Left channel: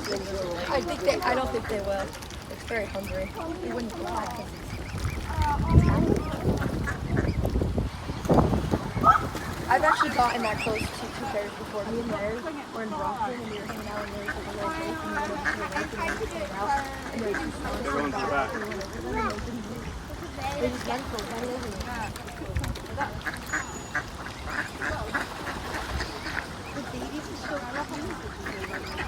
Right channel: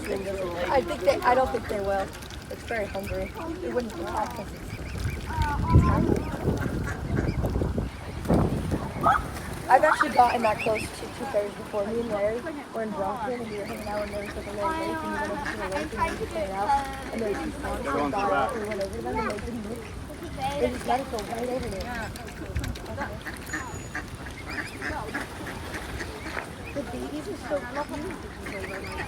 I think they. I don't think they will. It's very hungry. It wouldn't fly. I've actually gotten that close to two pairs before. Me and Larry were in Boston and we were hanging out and there was like a little lake and we went over to the lake and then we fell out and there was some swans that got out and we went over them and they didn't move. They just let it go right over there. The babies are so